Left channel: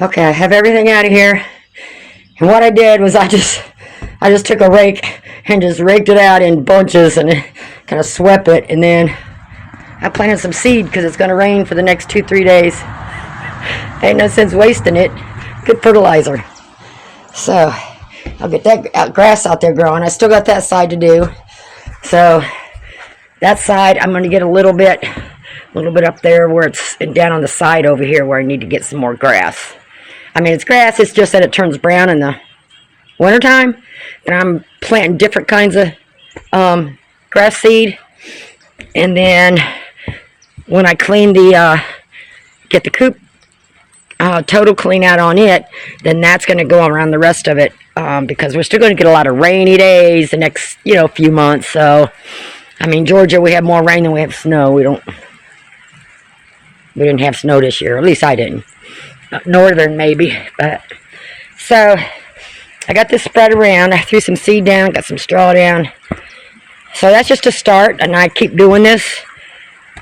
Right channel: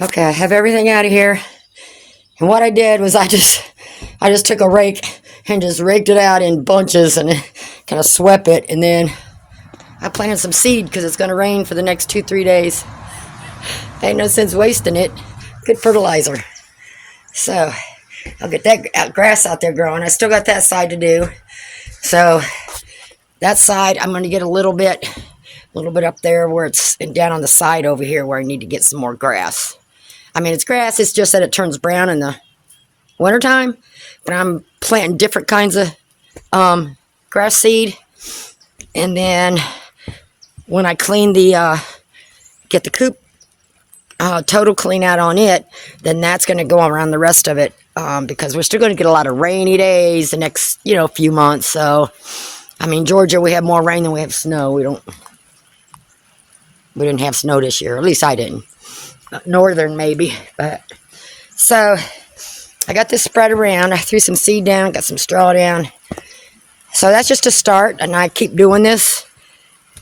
Okay, I have everything out of here. And what I did was I just took a rake and just raked it out in bunches and kind of swept it. And then I planted some seed because it's going to rain for the next 2-3 days. Ain't no sense wasting it. Good fertilizer. So I'll get that grass out there growing. I still got that side to do. So that side I'm going to get a little bit up there where it's down on the side over here where I need to get some more grass. I mean, it's grass, it's just that it turns brown in the wintertime. But I'm planting different kinds of grass seed. And then when I clean get the coop total clean out on it, then that's going to go around the rest of it because we're still going to get a lot of rainy days the next, few months. So, I mean, Georgia, we have more rain than we have snow. We didn't have snow this year. At least I didn't. Northern, maybe. But so I got this spread around. I threw some seed down, got some straw down. So that's just a start, and I keep doing this,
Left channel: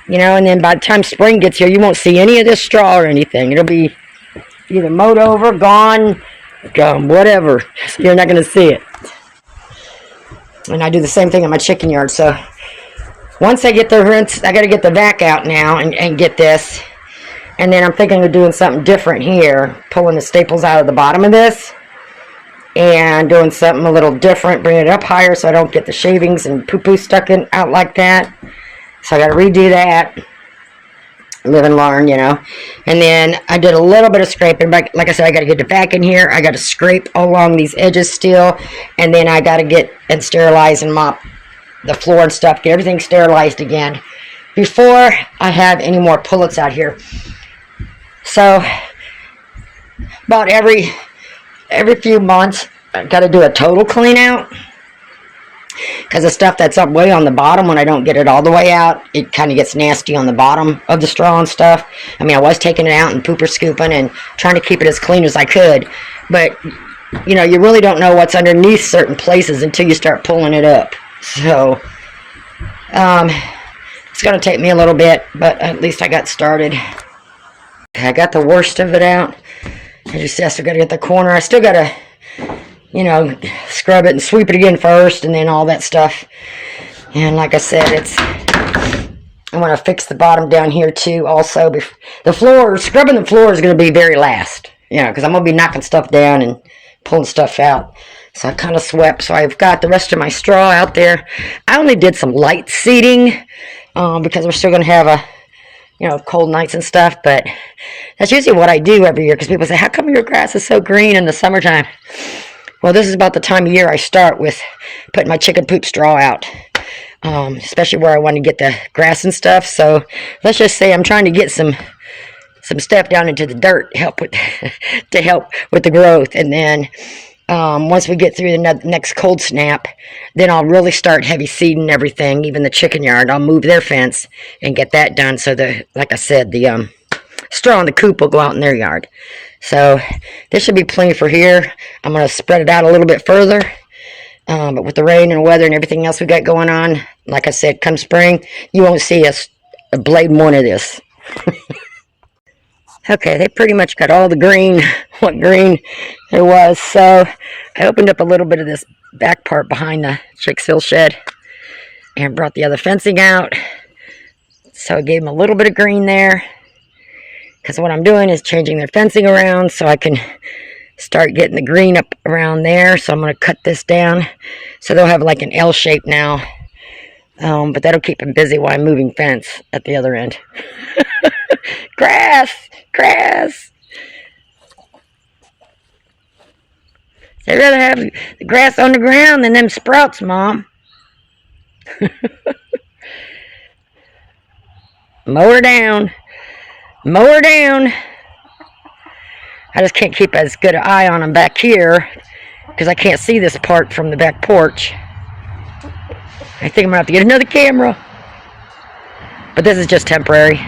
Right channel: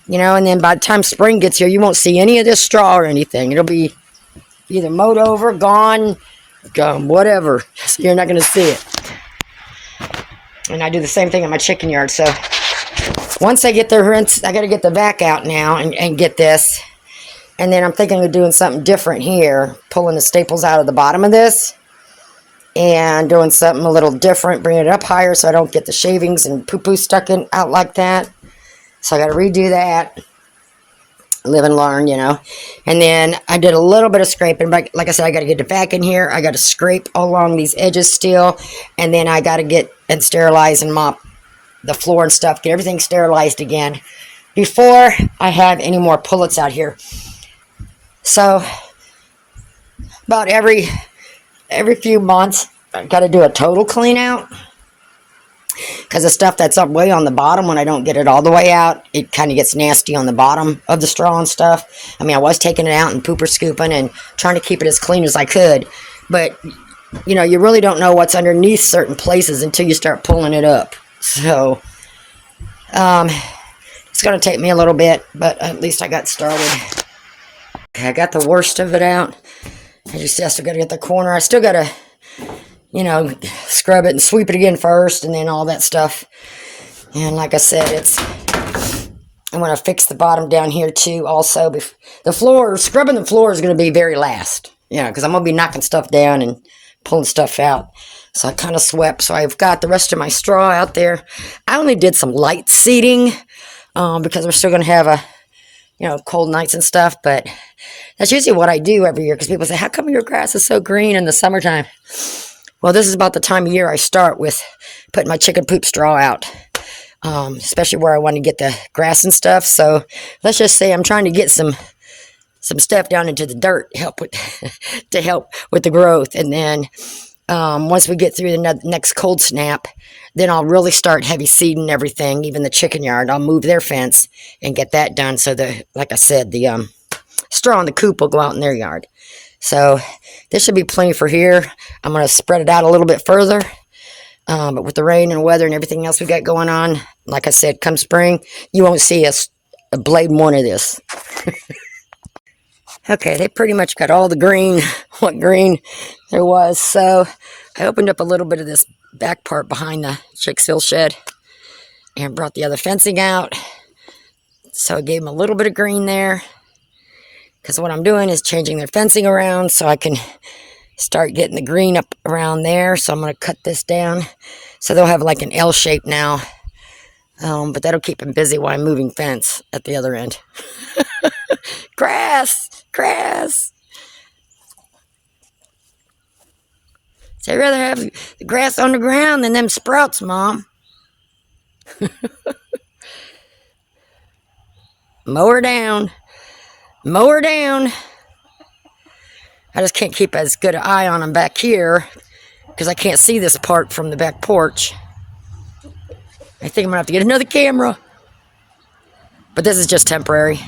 and then by the time spring gets here, you won't see any of this straw or anything. It'll be either mowed over, gone, whatever. You're not going to see it. And I do the same thing in my chicken yard. So once I get the rinse, I got to get the vac out now and get this. And then I'm thinking of doing something different here, pulling the staples out of the bottom of this and doing something a little different, bringing it up higher so I don't get the shavings and poo-poo stuck out like that. So I got to redo that. Live and learn, And then I did a little bit of scraping. But like I said, I got to get the vac in here. I got to scrape along these edges still. And then I got to get and sterilize and mop the floor and stuff. Get everything sterilized again before I have any more pullets out here. So about every few months, I got to do a total clean out. Because the stuff that's up way on the bottom, when I don't get it all the way out, it kind of gets nasty on the bottom of the straw and stuff. I mean, I was taking it out and pooper scooping and trying to keep it as clean as I could. But, you really don't know what's underneath certain places until you start pulling it up. So, it's going to take me a little bit, but at least I got started. I got the worst of it out. I still got to get the corner. I still got to scrub it and sweep it again first and then all that stuff. And like I said, I want to fix the bottom down here too also. Scrubbing the floor is going to be very last, because I'm going to be knocking stuff down and pulling stuff out. So I kind of swept. So I've got the rest of my straw out there. I only did some light seeding because we're still going to have cold nights and stuff. But that's usually what I do every year because people say, how come your grass is so green in the summertime? Well, this is about the time of year I start with putting my chicken poop straw out, especially where I want to get the grass and stuff. So let's just say I'm trying to get some stuff down into the dirt to help with the growth. And then once we get through the next cold snap, then I'll really start heavy seeding everything, even the chicken yard. I'll move their fence and get that done so like I said, the straw in the coop will go out in their yard. So this should be plenty for here. I'm going to spread it out a little bit further. But with the rain and weather and everything else we got going on, like I said, come spring, you won't see a blade one of this. Okay, they pretty much got all the green, what green there was. So I opened up a little bit of this back part behind the Chicksville Shed and brought the other fencing out. So I gave them a little bit of green there. Because what I'm doing is changing their fencing around so I can start getting the green up around there. So I'm going to cut this down. So they'll have like an L shape now. But that'll keep them busy while I'm moving fence at the other end. Grass! Grass! So I'd rather have the grass on the ground than them sprouts, Mom. Mow her down. Mow her down. I just can't keep as good an eye on them back here because I can't see this part from the back porch. I think I'm going to have to get another camera. But this is just temporary.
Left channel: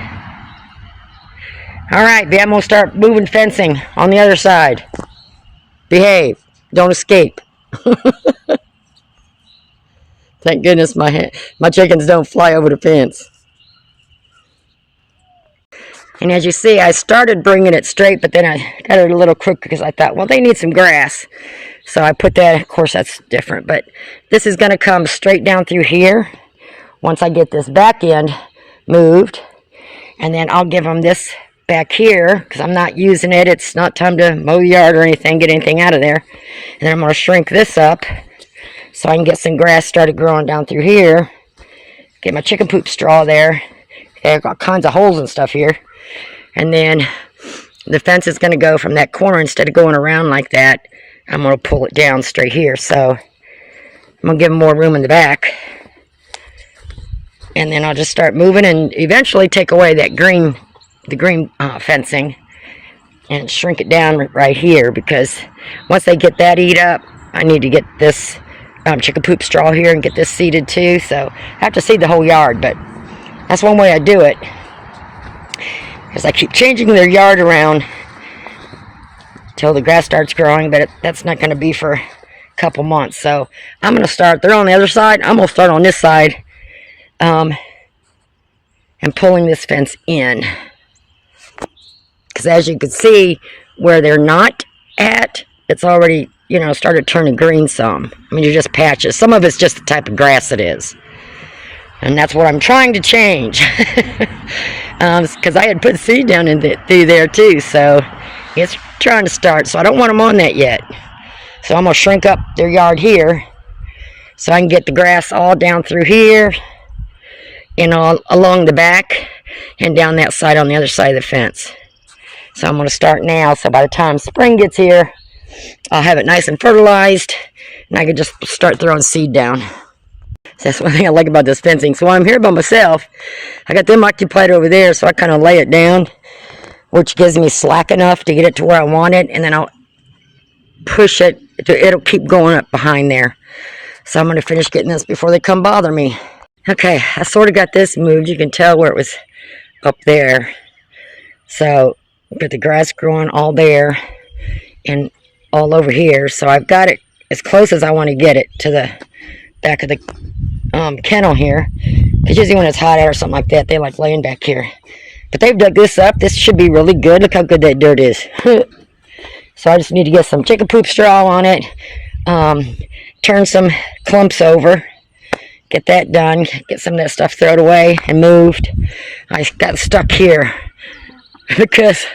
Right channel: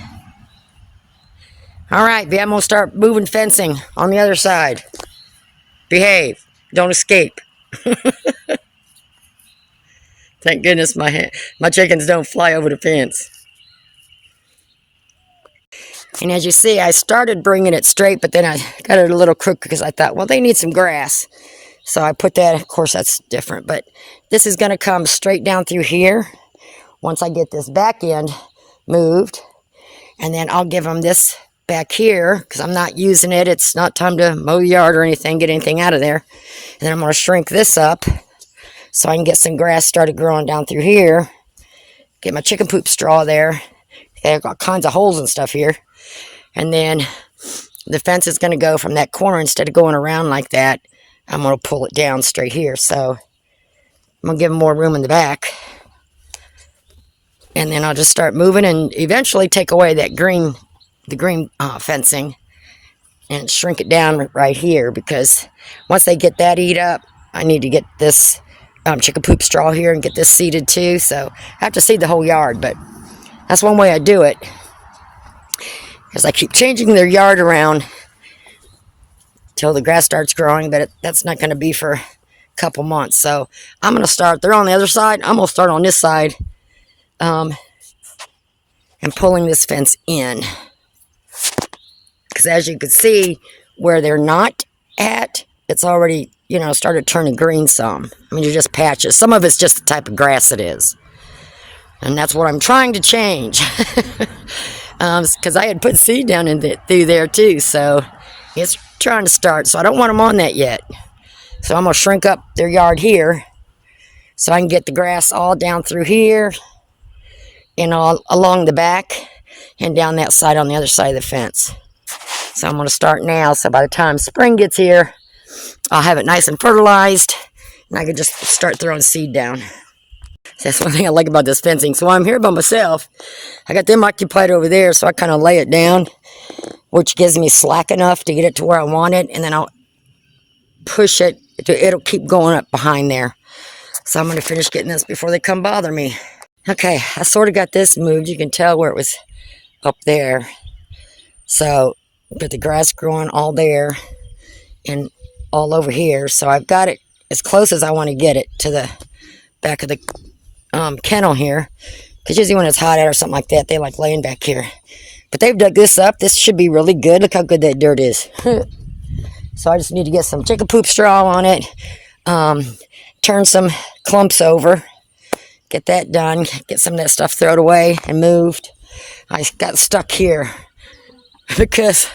Alright, I'm going to start moving fencing on the other side. Behave. Don't escape. Thank goodness my chickens don't fly over the fence. And as you see, I started bringing it straight, but then I got it a little crooked because I thought, well, they need some grass. So I put that, of course, that's different. But this is going to come straight down through here once I get this back end moved. And then I'll give them this back here because I'm not using it. It's not time to mow the yard or anything, get anything out of there. And then I'm going to shrink this up so I can get some grass started growing down through here. Get my chicken poop straw there. I've got kinds of holes and stuff here. And then the fence is going to go from that corner. Instead of going around like that, I'm going to pull it down straight here. So I'm going to give them more room in the back. And then I'll just start moving and eventually take away that green, the green fencing and shrink it down right here, because once they get that eat up, I need to get this chicken poop straw here and get this seeded too. So I have to seed the whole yard, but that's one way I do it. Because I keep changing their yard around till the grass starts growing, but that's not going to be for a couple months. So I'm going to start, they're on the other side, I'm going to start on this side and pulling this fence in. Because as you can see, where they're not at, it's already, you know, started turning green some. I mean, you're just patches. Some of it's just the type of grass it is. And that's what I'm trying to change. Because I had put seed down through there too, so it's trying to start. So I don't want them on that yet. So I'm going to shrink up their yard here so I can get the grass all down through here and all along the back and down that side on the other side of the fence. So I'm going to start now, so by the time spring gets here, I'll have it nice and fertilized, and I can just start throwing seed down. That's one thing I like about this fencing. So while I'm here by myself, I got them occupied over there, so I kind of lay it down, which gives me slack enough to get it to where I want it, and then I'll push it. It'll keep going up behind there. So I'm going to finish getting this before they come bother me. Okay, I sort of got this moved. You can tell where it was up there. So got the grass growing all there and all over here. So I've got it as close as I want to get it to the back of the kennel here, because usually when it's hot out or something like that, they like laying back here. But they've dug this up. This should be really good. Look how good that dirt is. So I just need to get some chicken poop straw on it, turn some clumps over, get that done, get some of that stuff thrown away and moved. I got stuck here because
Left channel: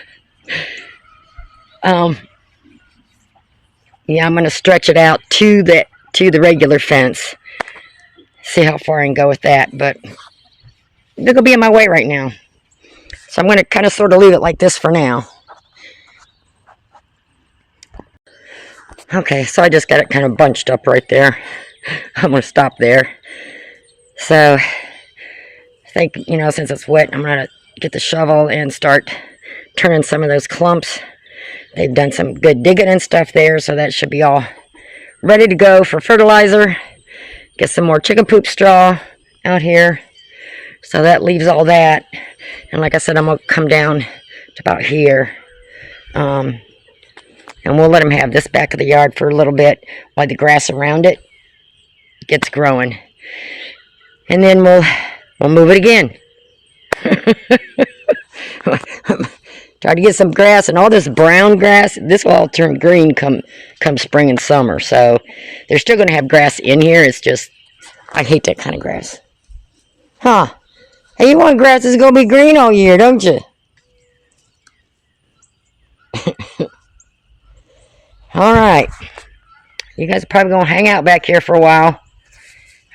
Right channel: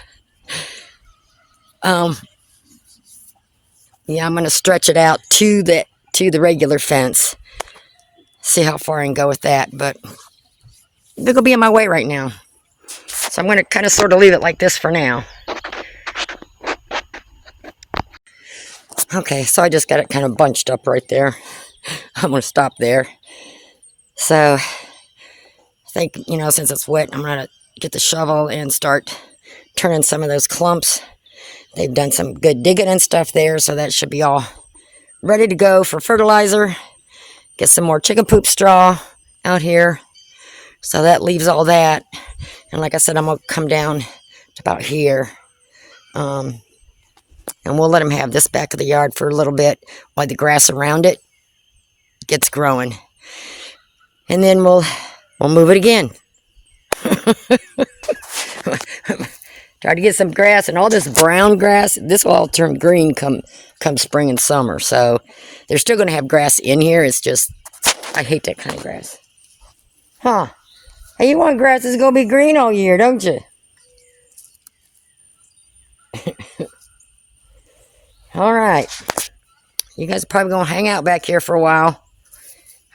yeah, I'm going to stretch it out to the regular fence. See how far I can go with that, but they're going to be in my way right now. So I'm going to kind of sort of leave it like this for now. Okay, so I just got it kind of bunched up right there. I'm going to stop there. So I think, you know, since it's wet, I'm going to get the shovel and start turning some of those clumps. They've done some good digging and stuff there, so that should be all ready to go for fertilizer. Get some more chicken poop straw out here. So that leaves all that. And like I said, I'm going to come down to about here. And we'll let them have this back of the yard for a little bit while the grass around it gets growing. And then we'll move it again. Try to get some grass, and all this brown grass, this will all turn green come spring and summer. So they're still going to have grass in here. It's just, I hate that kind of grass. Huh. Hey, you want grass that's going to be green all year, don't you? All right. You guys are probably going to hang out back here for a while.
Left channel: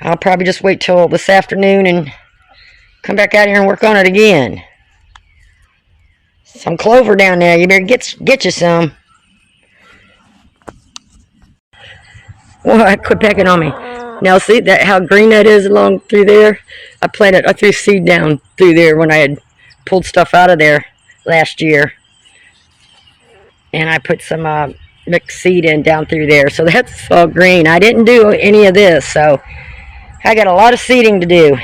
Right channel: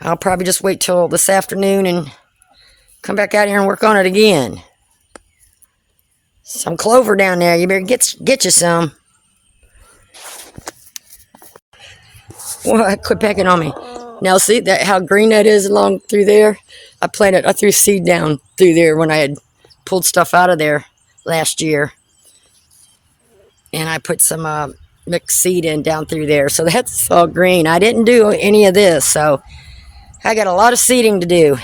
I'll probably just wait till this afternoon and come back out here and work on it again. Some clover down there. You better get you some. Well, quit pecking on me. Now see that how green that is along through there? I threw seed down through there when I had pulled stuff out of there last year. And I put some mixed seed in down through there. So that's all green. I didn't do any of this, so I got a lot of seeding to do.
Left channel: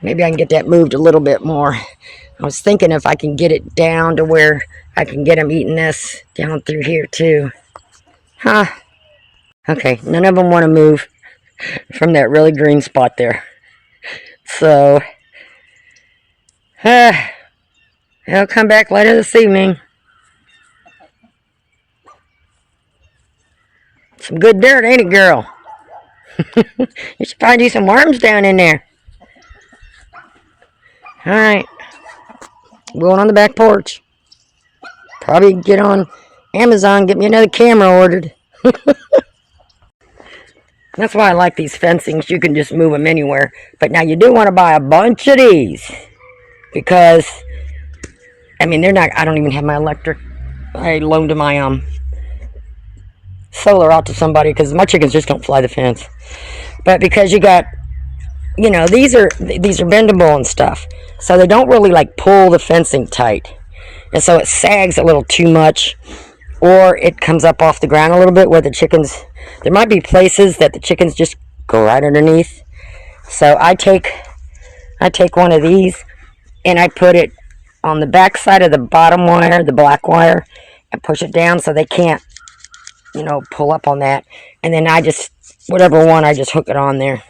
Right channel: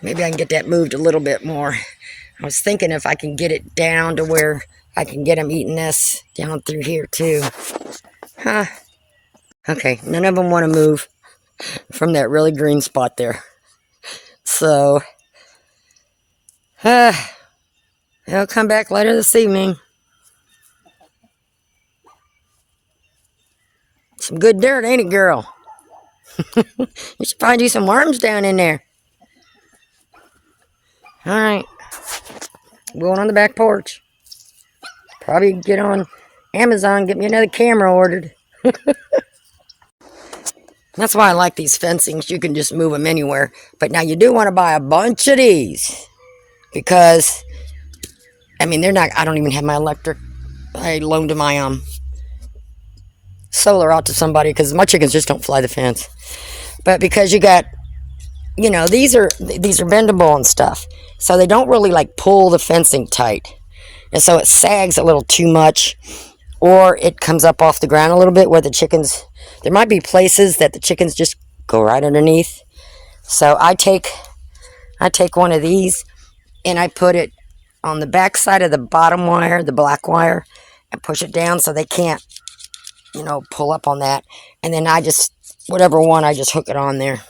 Maybe I can get that moved a little bit more. I was thinking if I can get it down to where I can get them eating this down through here too. Huh. Okay, none of them want to move from that really green spot there. So I'll come back later this evening. Some good dirt, ain't it, girl? You should find you some worms down in there. Alright. Going on the back porch. Probably get on Amazon, get me another camera ordered. That's why I like these fencings. You can just move them anywhere. But now you do want to buy a bunch of these. Because, I mean, they're not, I don't even have my electric. I loaned my solar out to somebody because my chickens just don't fly the fence. But because you got, you know, these are bendable and stuff. So they don't really like pull the fencing tight. And so it sags a little too much. Or it comes up off the ground a little bit where the chickens, there might be places that the chickens just go right underneath. So I take one of these and I put it on the back side of the bottom wire, the black wire, and push it down so they can't, you know, pull up on that. And then I just, whatever one, I just hook it on there.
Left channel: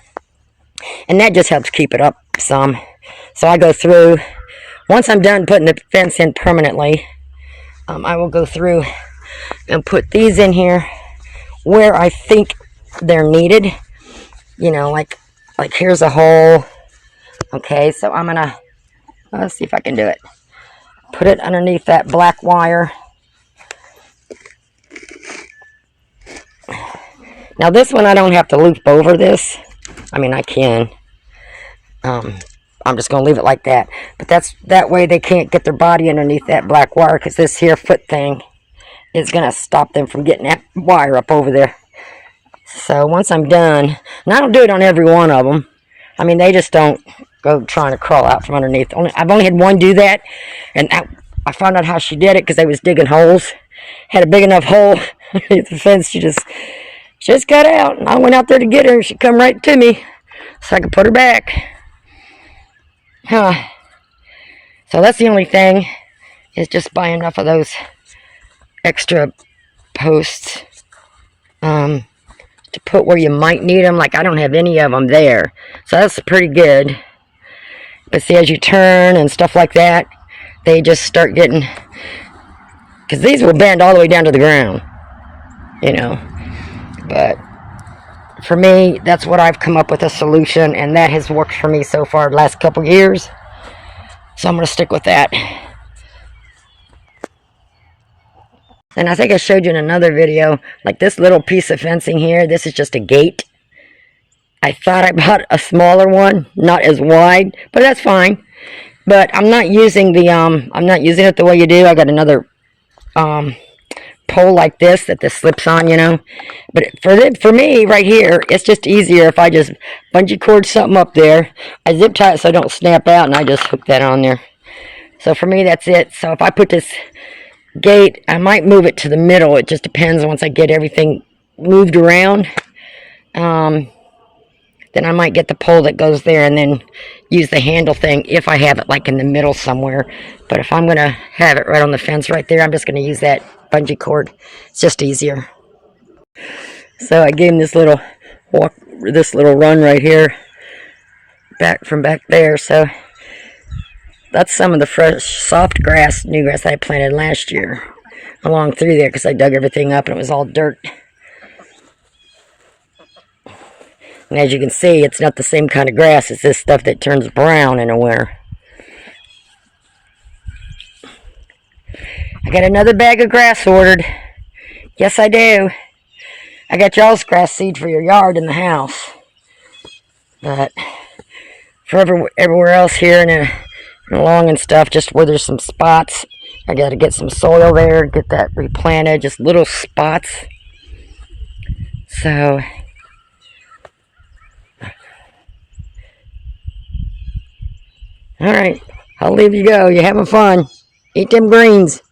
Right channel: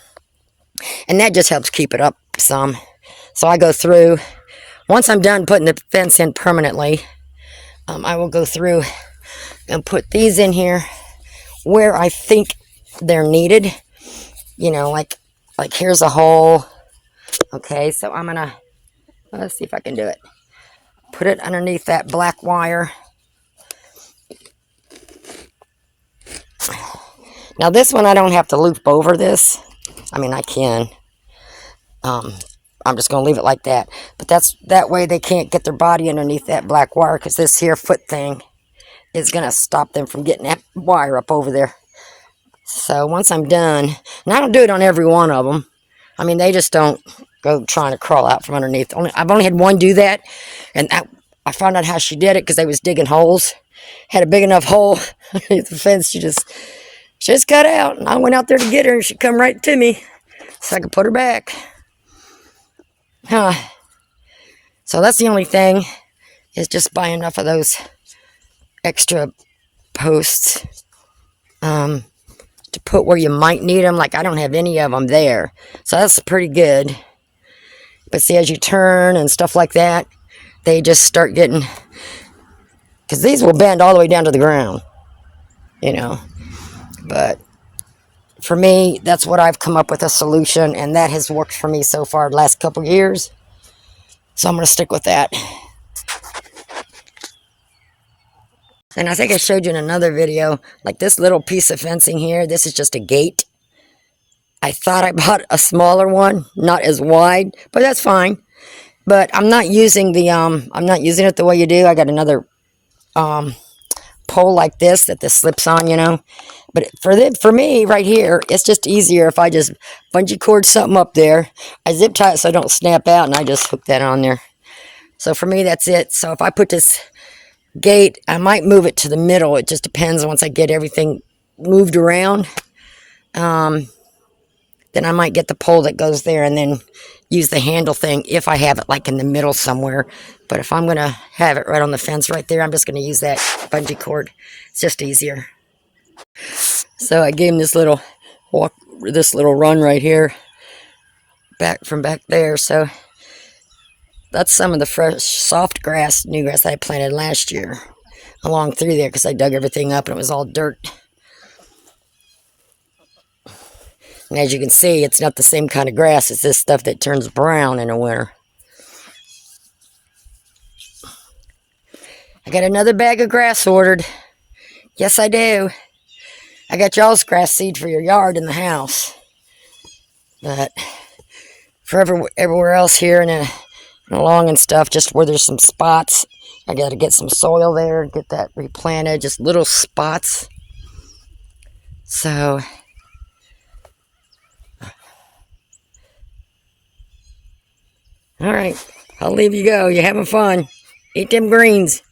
And that just helps keep it up some. So I go through, once I'm done putting the fence in permanently, I will go through and put these in here where I think they're needed. You know, like here's a hole. Okay, so I'm gonna, let's see if I can do it. Put it underneath that black wire. Now this one I don't have to loop over this. I mean, I can. I'm just going to leave it like that. But that way they can't get their body underneath that black wire because this here foot thing is going to stop them from getting that wire up over there. So once I'm done, and I don't do it on every one of them. I mean, they just don't go trying to crawl out from underneath. I've only had one do that, and I found out how she did it because they was digging holes. Had a big enough hole underneath the fence. She just got out, and I went out there to get her, and she come right to me so I could put her back. So that's the only thing, is just buy enough of those extra posts to put where you might need them. Like I don't have any of them there, so that's pretty good. But see, as you turn and stuff like that, they just start getting, because these will bend all the way down to the ground, you know. But for me, that's what I've come up with, a solution, and that has worked for me so far the last couple years. So I'm going to stick with that. And I think I showed you in another video, like this little piece of fencing here, this is just a gate. I thought I bought a smaller one, not as wide, but that's fine. But I'm not using the, I'm not using it the way you do. I got another, pole like this that this slips on, you know. But for me right here, it's just easier if I just bungee cord something up there. I zip tie it so I don't snap out, and I just hook that on there. So for me, that's it. So if I put this gate, I might move it to the middle. It just depends once I get everything moved around. Then I might get the pole that goes there and then use the handle thing if I have it like in the middle somewhere. But if I'm going to have it right on the fence right there, I'm just going to use that bungee cord. It's just easier. So I gave him this little run right here, from back there. So that's some of the fresh, soft grass, new grass that I planted last year along through there because I dug everything up and it was all dirt. And as you can see, it's not the same kind of grass. It's this stuff that turns brown in the winter. I got another bag of grass ordered. Yes, I do. I got y'all's grass seed for your yard in the house. But for everywhere else here and along and stuff, just where there's some spots, I got to get some soil there, get that replanted, just little spots. So all right, I'll leave you go. You're having fun. Eat them greens.